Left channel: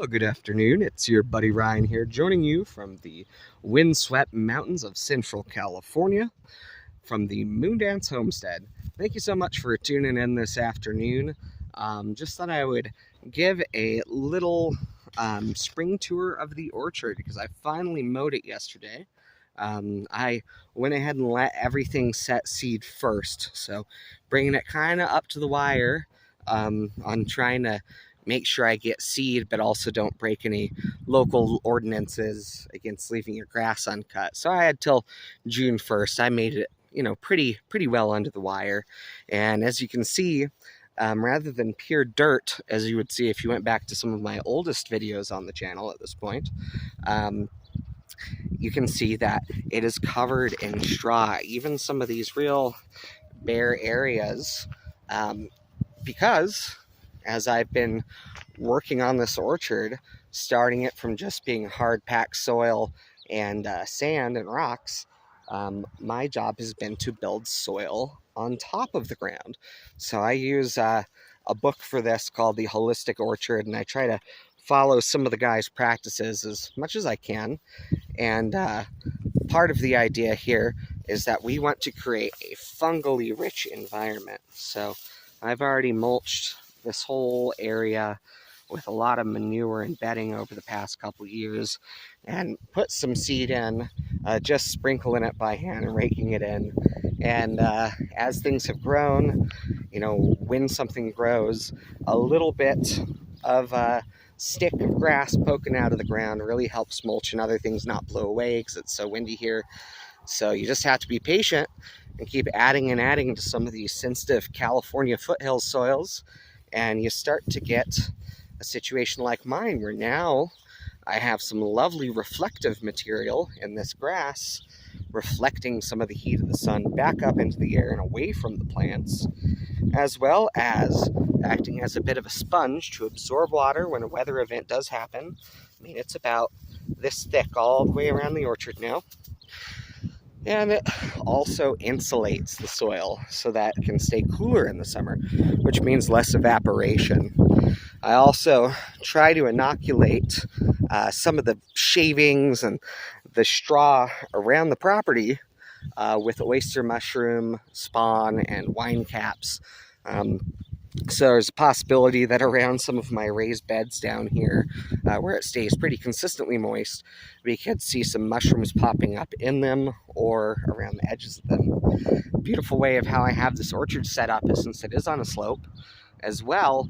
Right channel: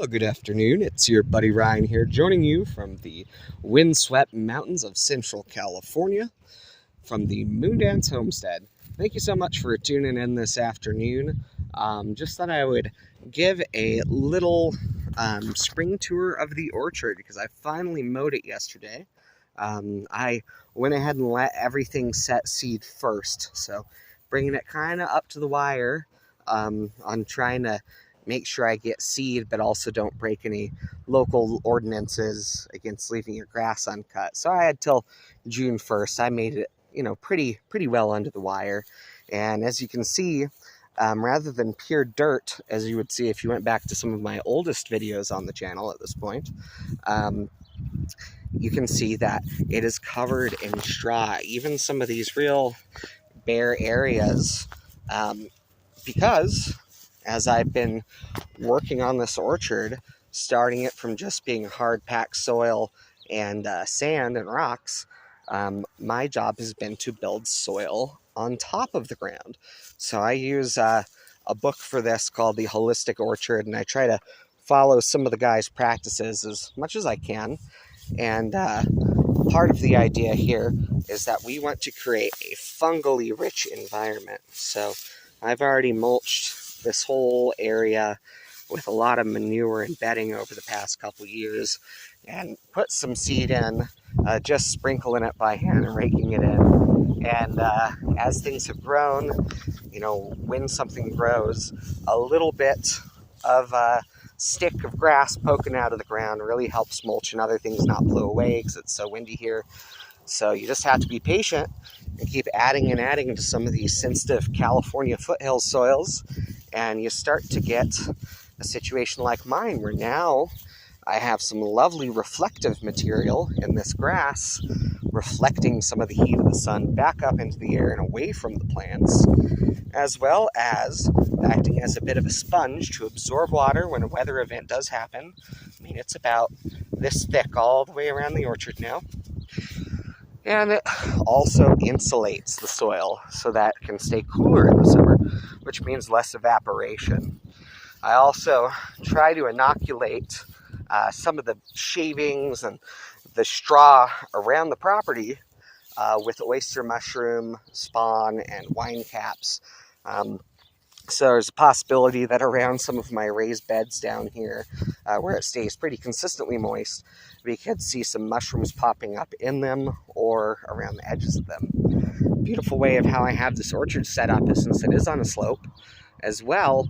Well, good afternoon. It's your buddy Ryan here, joining you from the windswept mountains of Central California from the Moondance Homestead. Thank you so much for tuning in this afternoon. Just thought I would give a little spring tour of the orchard because I finally mowed it yesterday. I went ahead and let everything set seed first, so bringing it kind of up to the wire on trying to make sure I get seed, but also don't break any local ordinances against leaving your grass uncut. So I had till June 1st. I made it, pretty well under the wire. And as you can see, rather than pure dirt, as you would see if you went back to some of my oldest videos on the channel at this point, you can see that it is covered in straw. Even some of these real bare areas, because as I've been working on this orchard, starting it from just being hard packed soil and sand and rocks, my job has been to build soil on top of the ground. So I use a book for this called The Holistic Orchard, and I try to follow some of the guys' practices as much as I can. And part of the idea here is that we want to create a fungally rich environment. So I've already mulched this whole area with a lot of manure and bedding over the past couple years and put some seed in, just sprinkling it by hand and raking it in. And as things have grown, when something grows, a little bit of stick of grass poking out of the ground really helps mulch and other things not blow away because it's so windy here. So you just have to be patient and keep adding and adding to some of these sensitive California foothills soils, and you start to get a situation like mine where now I have some lovely reflective material in this grass reflecting some of the heat of the sun back up into the air and away from the plants, as well as acting as a bit of a sponge to absorb water when a weather event does happen. I mean, it's about this thick all the way around the orchard now. And it also insulates the soil so that it can stay cooler in the summer, which means less evaporation. I also try to inoculate some of the shavings and the straw around the property with oyster mushroom spawn and wine caps. So there's a possibility that around some of my raised beds down here, where it stays pretty consistently moist, we could see some mushrooms popping up in them or around the edges of them. Beautiful way of how I have this orchard set up is, since it is on a slope, as well,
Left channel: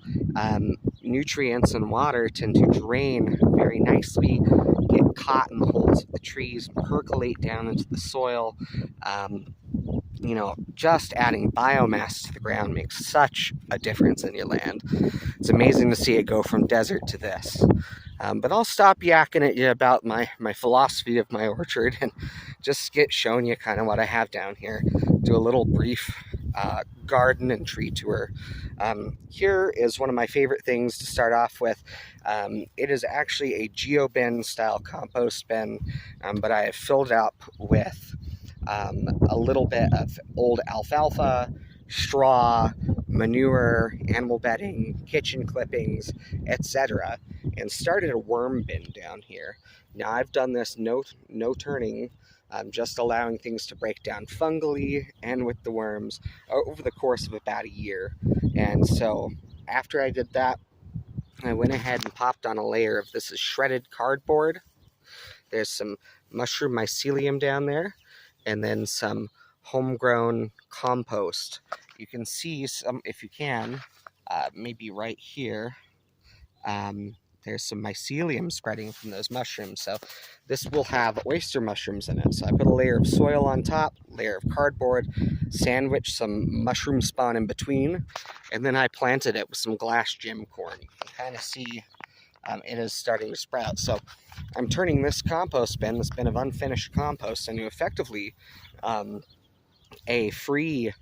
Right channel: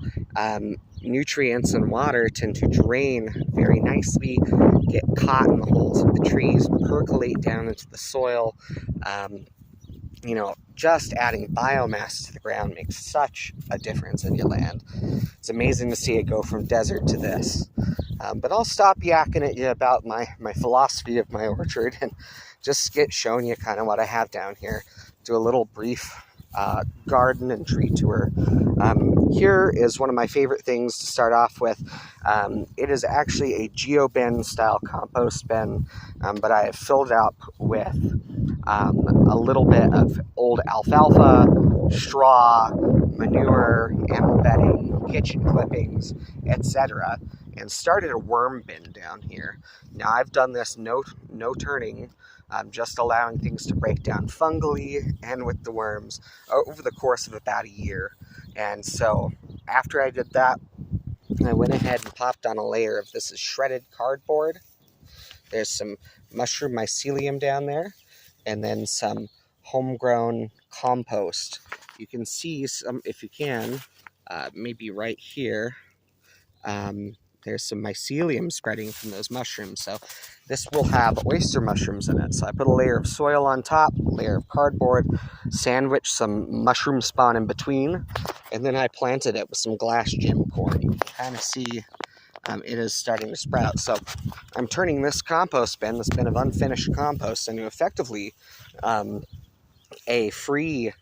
nutrients and water tend to drain very nicely, get caught in the holes of the trees, percolate down into the soil. Just adding biomass to the ground makes such a difference in your land. It's amazing to see it go from desert to this. But I'll stop yakking at you about my philosophy of my orchard and just get showing you kind of what I have down here. Do a little brief garden and tree tour. Here is one of my favorite things to start off with. It is actually a geobin style compost bin, but I have filled it up with a little bit of old alfalfa, straw, manure, animal bedding, kitchen clippings, etc., and started a worm bin down here. Now I've done this no turning, just allowing things to break down fungally and with the worms over the course of about a year. And so after I did that, I went ahead and popped on a layer of this is shredded cardboard. There's some mushroom mycelium down there, and then some homegrown compost. You can see some, if you can, maybe right here, there's some mycelium spreading from those mushrooms. So this will have oyster mushrooms in it. So I put a layer of soil on top, a layer of cardboard, sandwiched some mushroom spawn in between, and then I planted it with some glass gem corn. You can kind of see it is starting to sprout. So I'm turning this compost bin, this bin of unfinished compost, into effectively a free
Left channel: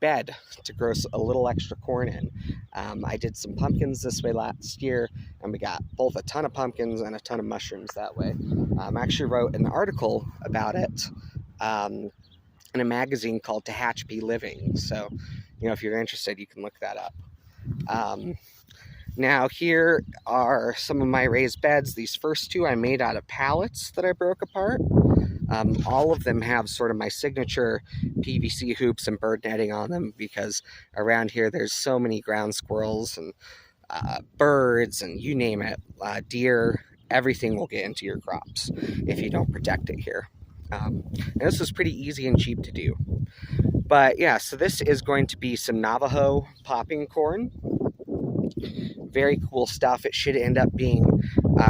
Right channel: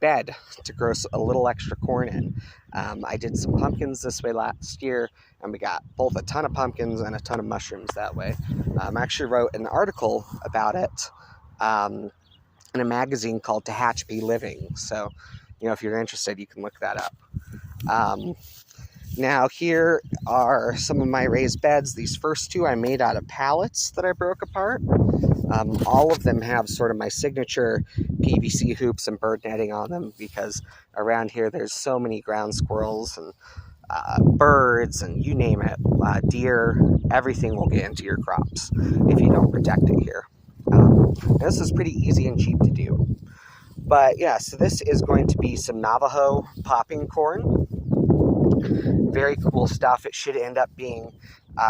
bed to grow a little extra corn in. I did some pumpkins this way last year, and we got both a ton of pumpkins and a ton of mushrooms that way. I actually wrote an article about it in a magazine called Tehachapi Living. So, if you're interested, you can look that up. Now here are some of my raised beds. These first two I made out of pallets that I broke apart. All of them have sort of my signature PVC hoops and bird netting on them because around here there's so many ground squirrels and birds and you name it, deer, everything will get into your crops if you don't protect it here. And this is pretty easy and cheap to do. But yeah, so this is going to be some Navajo popping corn. Very cool stuff. It should end up being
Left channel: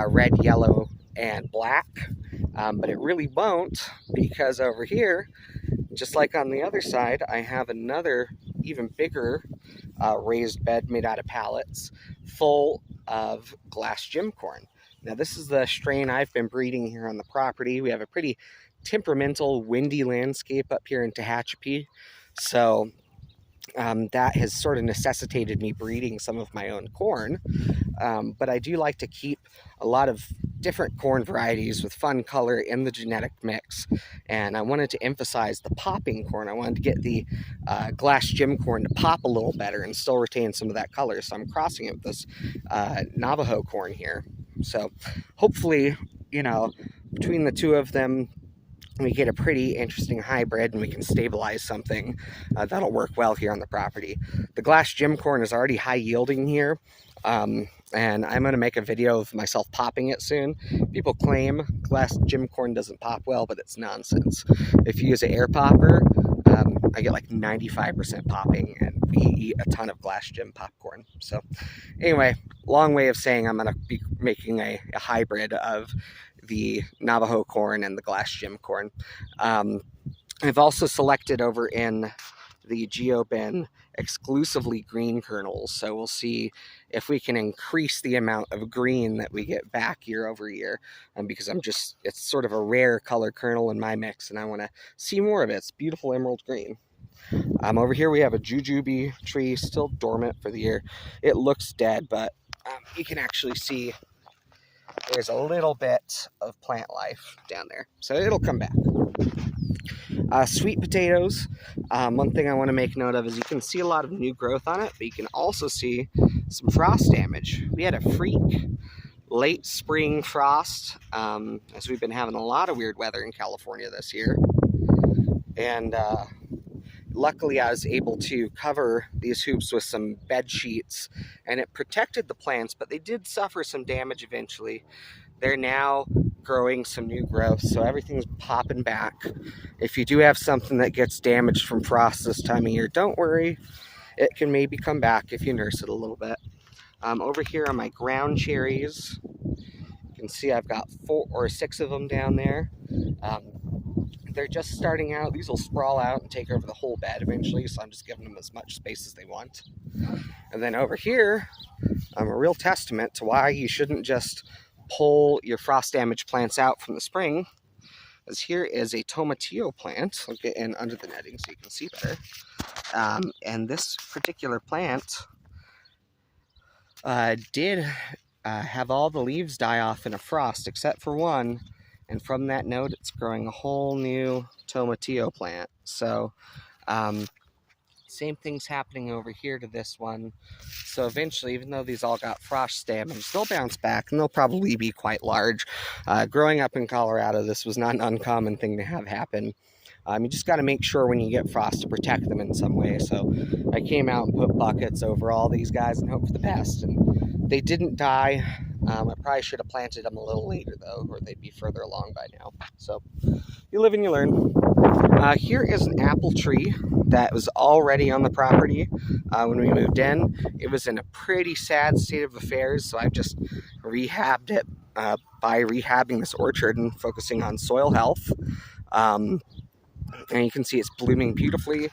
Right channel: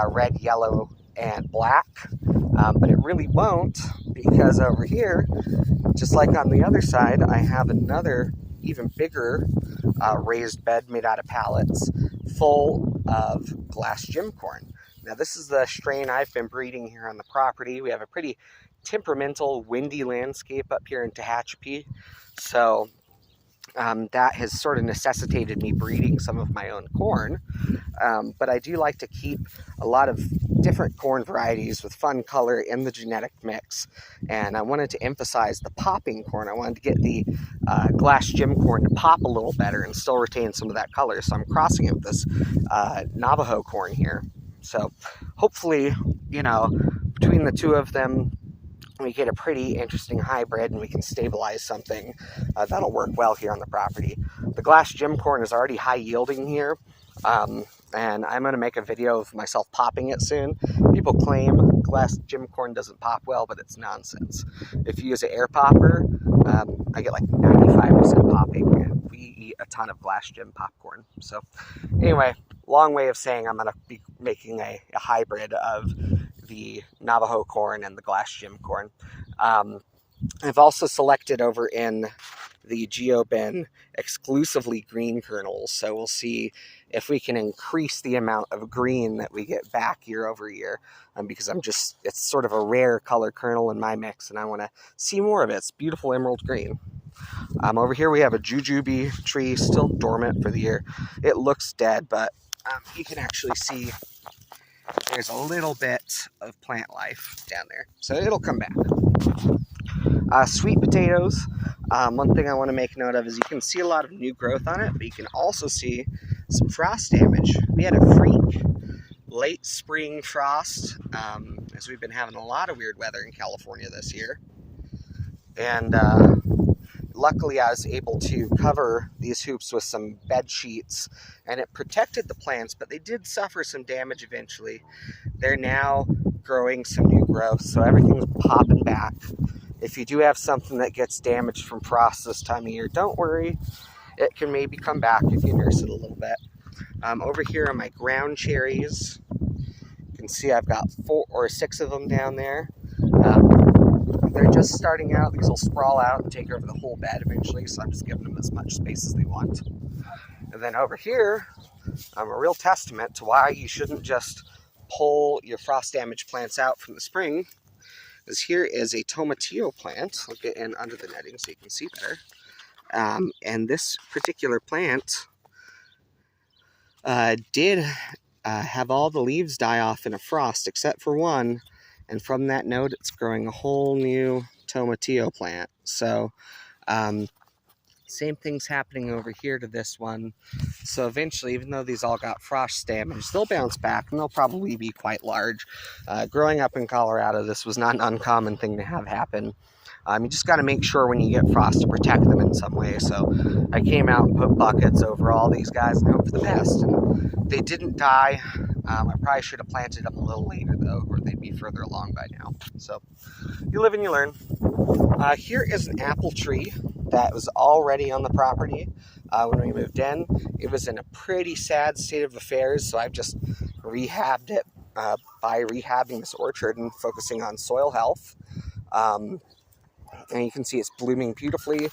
red, yellow, and black, but it really won't, because over here, just like on the other side, I have another even bigger raised bed made out of pallets full of glass gem corn. Now this is the strain I've been breeding here on the property. We have a pretty temperamental, windy landscape up here in Tehachapi, so that has sort of necessitated me breeding some of my own corn, but I do like to keep a lot of different corn varieties with fun color in the genetic mix, and I wanted to emphasize the popping corn. I wanted to get the glass gem corn to pop a little better and still retain some of that color, so I'm crossing it with this Navajo corn here. So hopefully, you know, between the two of them, we get a pretty interesting hybrid and we can stabilize something that'll work well here on the property. The glass gem corn is already high yielding here, and I'm going to make a video of myself popping it soon. People claim glass gem corn doesn't pop well, but it's nonsense. If you use an air popper, I get like 95% popping, and we eat a ton of glass gem popcorn. So anyway, long way of saying I'm going to be making a hybrid of the Navajo corn and the glass gem corn. I've also selected over in the GeoBin exclusively green kernels, so we'll see if we can increase the amount of green that we get back year over year, because it's sort of a rare color kernel in my mix and I want to see more of it. It's beautiful emerald green. Over here we have a jujube tree still dormant for the year. It looks dead, but you can actually see there's a little bit of plant life down there, so it'll come back. Sweet potatoes, one thing I want to make note of is you can see a lot of new growth on it, but you can also see some frost damage. We had a freak late spring frost, as we've been having a lot of weird weather in California this year, and luckily I was able to cover these hoops with some bed sheets, and it protected the plants, but they did suffer some damage eventually. They're now growing some new growth, so everything's popping back. If you do have something that gets damaged from frost this time of year, don't worry. It can maybe come back if you nurse it a little bit. Over here are my ground cherries. You can see I've got 4 or 6 of them down there. They're just starting out. These will sprawl out and take over the whole bed eventually, so I'm just giving them as much space as they want. And then over here, a real testament to why you shouldn't just pull your frost damaged plants out from the spring, is here is a tomatillo plant. I'll get in under the netting so you can see better. And this particular plant did have all the leaves die off in a frost except for one, and from that node it's growing a whole new tomatillo plant. So same thing's happening over here to this one. So eventually, even though these all got frost damage, they'll bounce back and they'll probably be quite large. Growing up in Colorado, this was not an uncommon thing to have happen. You just got to make sure when you get frost to protect them in some way. So I came out and put buckets over all these guys and hope for the best. And they didn't die. I probably should have planted them a little later though, or they'd be further along by now. So you live and you learn. Here is an apple tree that was already on the property when we moved in. It was in a pretty sad state of affairs, so I've just rehabbed it by rehabbing this orchard and focusing on soil health. And you can see it's blooming beautifully.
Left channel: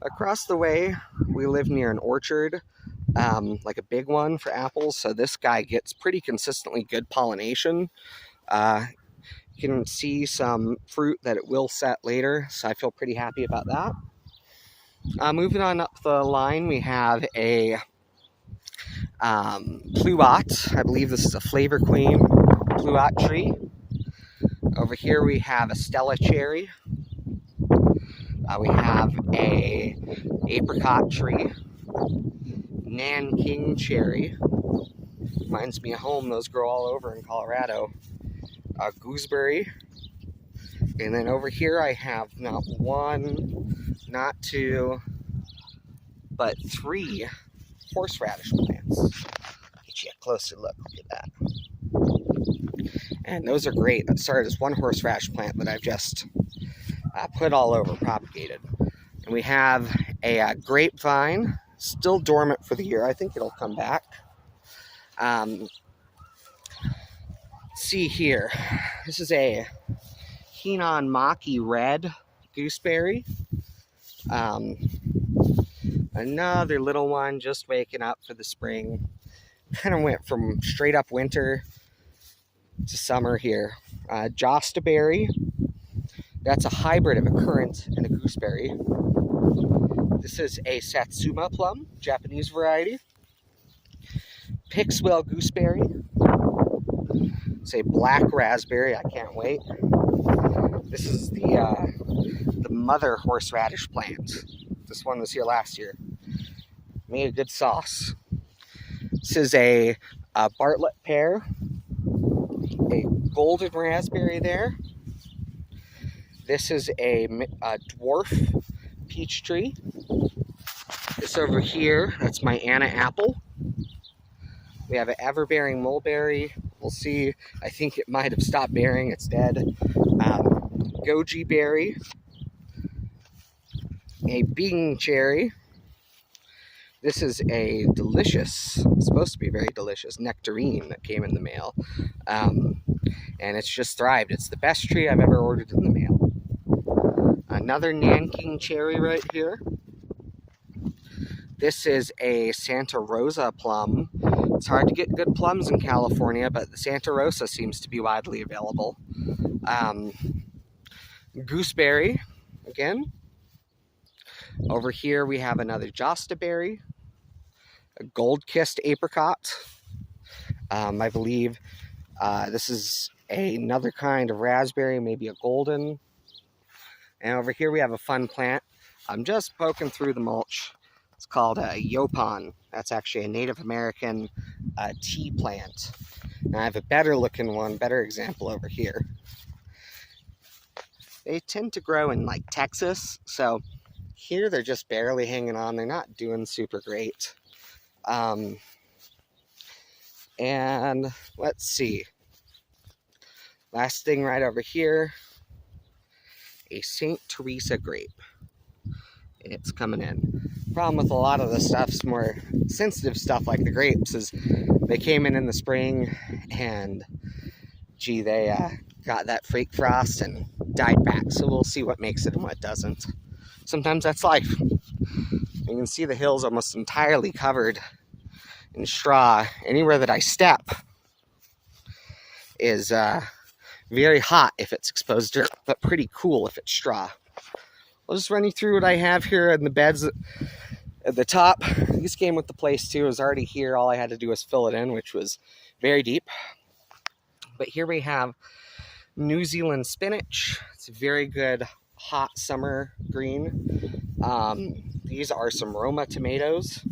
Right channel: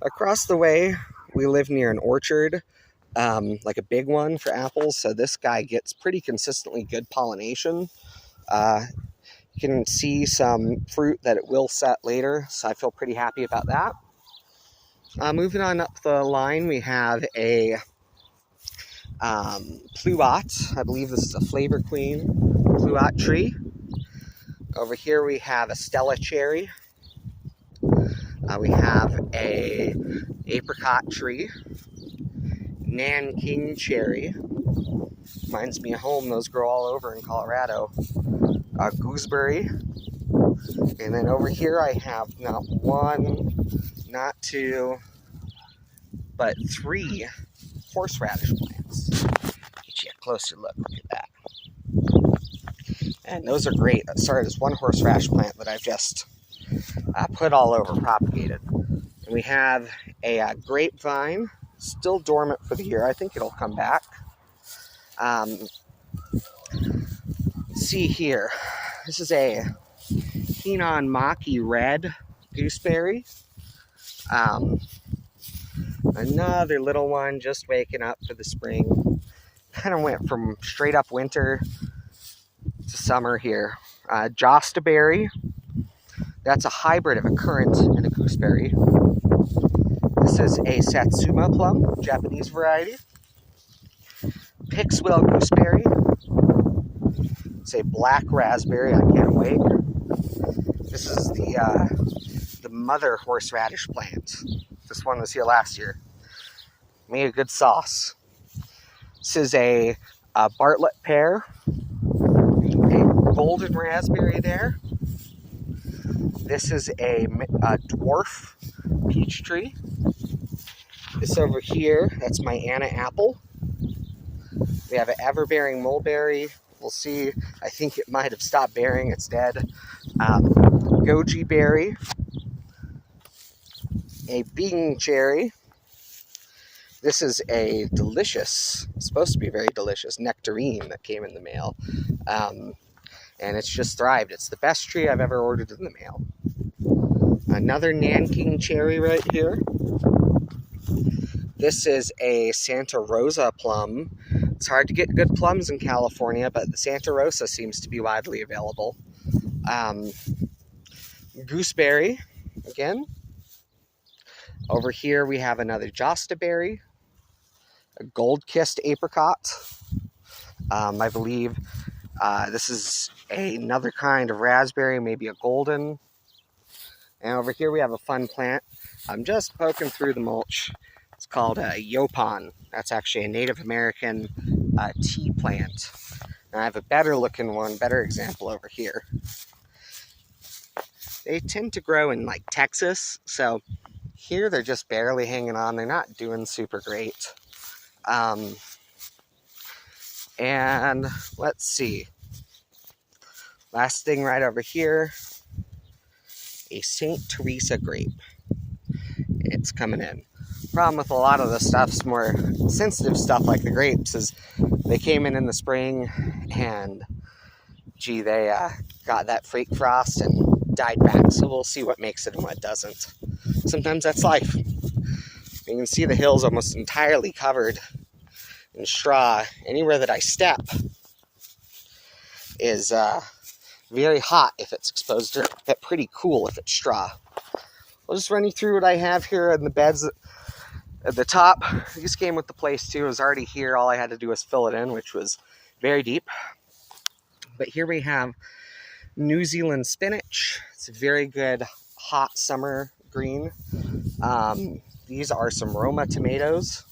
Across the way, we live near an orchard, like a big one for apples, so this guy gets pretty consistently good pollination. You can see some fruit that it will set later, so I feel pretty happy about that. Moving on up the line, we have a pluot. I believe this is a Flavor Queen pluot tree. Over here we have a Stella cherry. We have a apricot tree, Nanking cherry, Reminds me of home. Those grow all over in Colorado. Gooseberry. And then over here I have not one, not two, but 3 horseradish plants. Get you a closer look. Look at that. And those are great. Sorry, there's 1 horseradish plant that I've just put all over, propagated. And we have a grapevine, still dormant for the year. I think it'll come back. See here, this is a Henan Maki Red gooseberry. Another little one just waking up for the spring. Kind of went from straight up winter to summer here. Jostaberry. That's a hybrid of a currant and a gooseberry. This is a Satsuma plum, Japanese variety. Pixwell gooseberry. It's a black raspberry. I can't wait. This is the mother horseradish plant. This one was here last year. Made a good sauce. This is a Bartlett pear. A golden raspberry there. This is a dwarf peach tree. This over here, that's my Anna apple. We have an ever-bearing mulberry. We'll see. I think it might have stopped bearing. It's dead. Goji berry. A Bing cherry. This is a delicious, supposed to be very delicious, nectarine that came in the mail. And it's just thrived. It's the best tree I've ever ordered in the mail. Another Nanking cherry right here. This is a Santa Rosa plum. It's hard to get good plums in California, but the Santa Rosa seems to be widely available. Gooseberry, again. Over here we have another Jostaberry. A gold-kissed apricot. I believe this is another kind of raspberry, maybe a golden. And over here we have a fun plant. I'm just poking through the mulch. It's called a Yaupon. That's actually a Native American tea plant. Now I have a better looking one, better example over here. They tend to grow in like Texas, so here they're just barely hanging on. They're not doing super great. And let's see. Last thing right over here, a St. Teresa grape. It's coming in. Problem with a lot of the stuff's more sensitive stuff like the grapes is they came in the spring and gee, they got that fake frost and died back. So we'll see what makes it and what doesn't. Sometimes that's life. You can see the hills almost entirely covered in straw. Anywhere that I step is very hot if it's exposed dirt, but pretty cool if it's straw. I'll just run you through what I have here in the beds at the top. This came with the place too. It was already here. All I had to do was fill it in, which was very deep. But here we have New Zealand spinach. It's a very good hot summer green. These are some Roma tomatoes.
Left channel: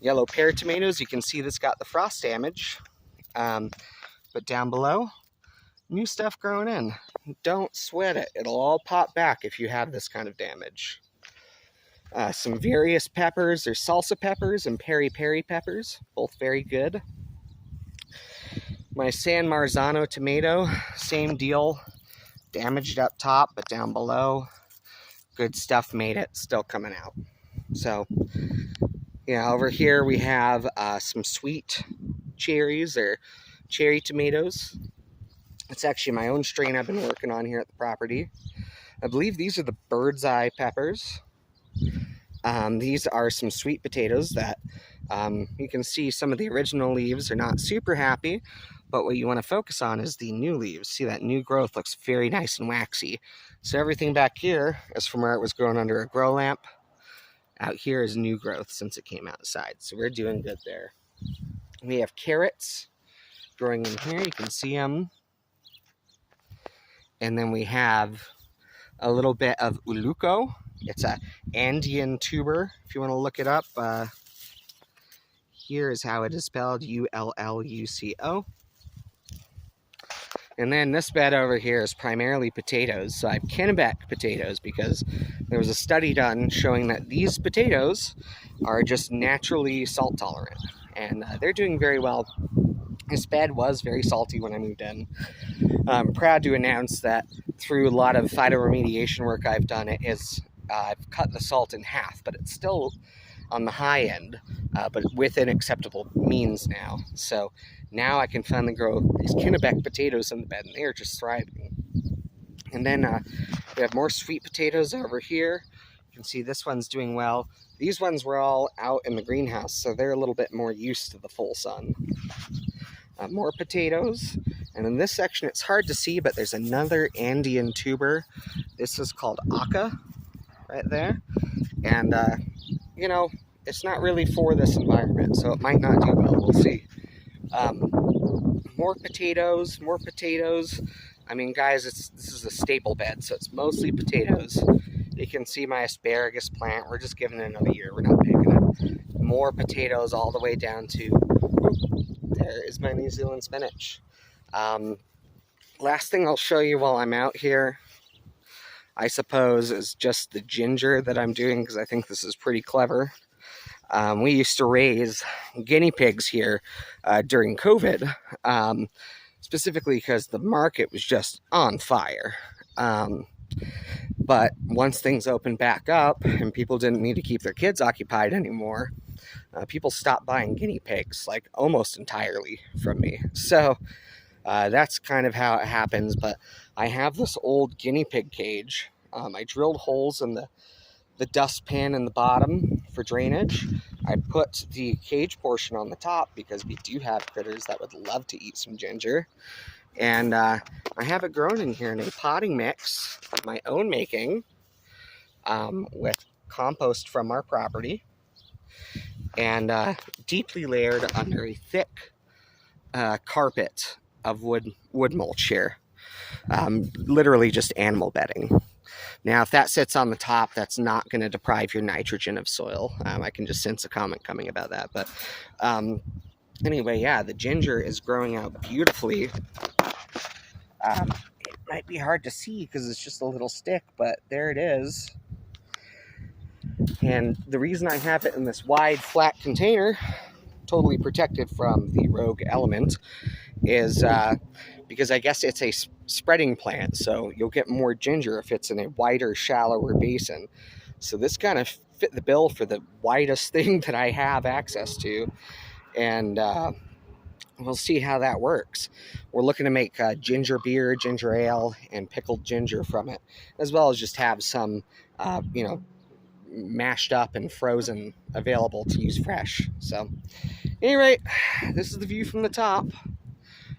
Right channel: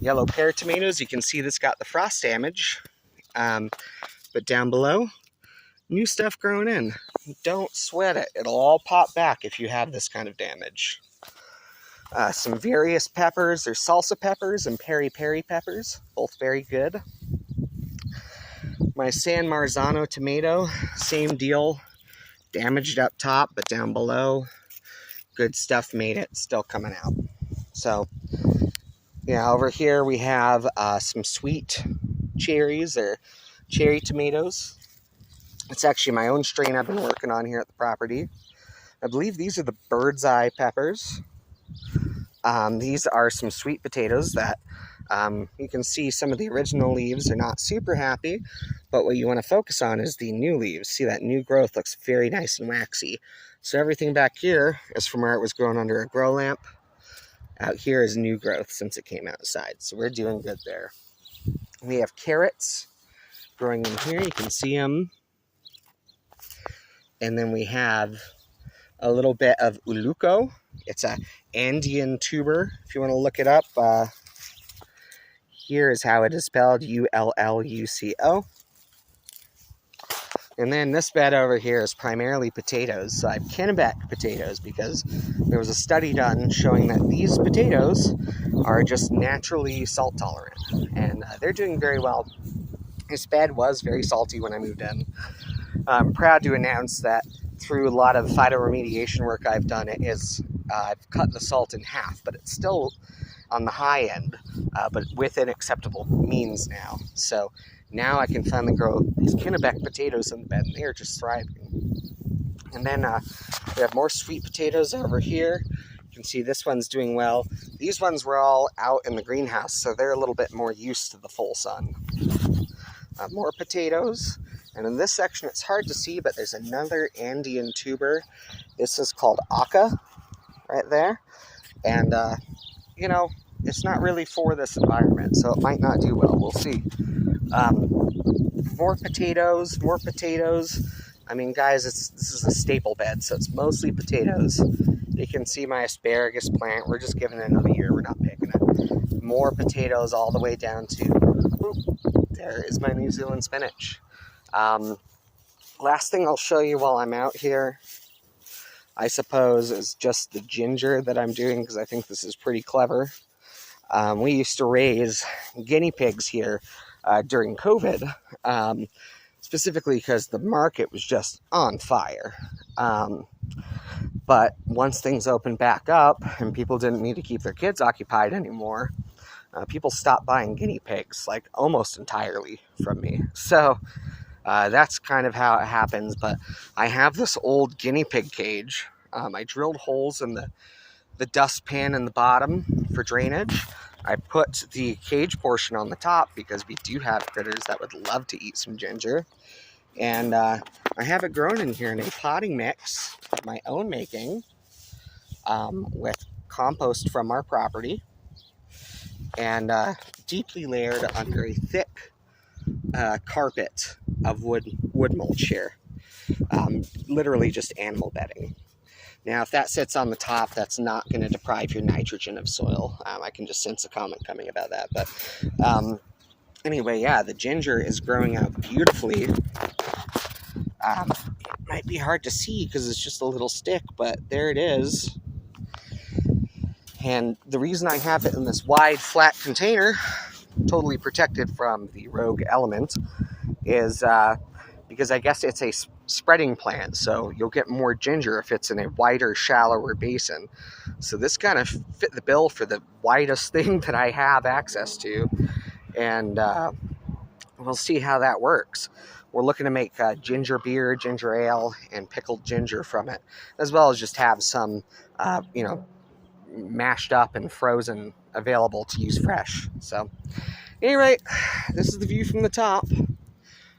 Yellow pear tomatoes. You can see this got the frost damage. But down below, new stuff growing in. Don't sweat it. It'll all pop back if you have this kind of damage. Some various peppers. There's salsa peppers and peri-peri peppers. Both very good. My San Marzano tomato. Same deal. Damaged up top, but down below, good stuff made it. Still coming out. So, yeah, over here we have some sweet cherries or cherry tomatoes. It's actually my own strain I've been working on here at the property. I believe these are the bird's eye peppers. These are some sweet potatoes that you can see some of the original leaves are not super happy, but what you want to focus on is the new leaves. See, that new growth looks very nice and waxy. So everything back here is from where it was grown under a grow lamp. Out here is new growth since it came outside. So we're doing good there. We have carrots growing in here. You can see them. And then we have a little bit of uluco. It's a Andean tuber, if you want to look it up. here is how it is spelled, Ulluco. And then this bed over here is primarily potatoes. So I have Kennebec potatoes because there was a study done showing that these potatoes are just naturally salt tolerant. And they're doing very well. This bed was very salty when I moved in. I'm proud to announce that through a lot of phytoremediation work I've done, I've cut the salt in half, but it's still on the high end, but within acceptable means now. So now I can finally grow these Kennebec potatoes in the bed, and they are just thriving. And then we have more sweet potatoes over here. You can see this one's doing well. These ones were all out in the greenhouse, so they're a little bit more used to the full sun. More potatoes. And in this section, it's hard to see, but there's another Andean tuber. This is called Aca, right there. And, you know, it's not really for this environment, so it might not do well. We'll see. More potatoes, more potatoes. I mean, guys, this is a staple bed, so it's mostly potatoes. You can see my asparagus plant. We're just giving it another year. We're not picking it. More potatoes all the way down to, whoop, there is my New Zealand spinach. Last thing I'll show you while I'm out here, I suppose, is just the ginger that I'm doing, because I think this is pretty clever. We used to raise guinea pigs here during COVID, specifically because the market was just on fire. But once things opened back up and people didn't need to keep their kids occupied anymore, people stopped buying guinea pigs, like almost entirely from me. So that's kind of how it happens. But I have this old guinea pig cage. I drilled holes in the dustpan in the bottom for drainage. I put the cage portion on the top because we do have critters that would love to eat some ginger. And I have it grown in here in a potting mix of my own making with compost from our property and deeply layered under a thick carpet of wood mulch here. Literally just animal bedding. Now, if that sits on the top, that's not going to deprive your nitrogen of soil. I can just sense a comment coming about that. But anyway, yeah, the ginger is growing out beautifully. It might be hard to see because it's just a little stick, but there it is. And the reason I have it in this wide, flat container, totally protected from the rogue element, is because I guess it's a spreading plant, so you'll get more ginger if it's in a wider, shallower basin. So this kind of fit the bill for the widest thing that I have access to, and we'll see how that works. We're looking to make ginger beer, ginger ale, and pickled ginger from it, as well as just have some, you know, mashed up and frozen available to use fresh. So, anyway, this is the view from the top.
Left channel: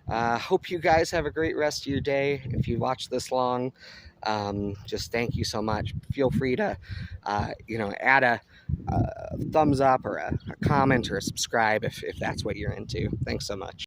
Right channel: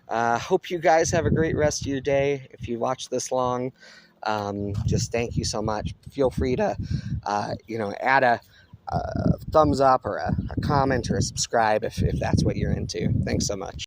Hope you guys have a great rest of your day. If you watched this long, just thank you so much. Feel free to, you know, add a thumbs up or a comment or a subscribe if that's what you're into. Thanks so much.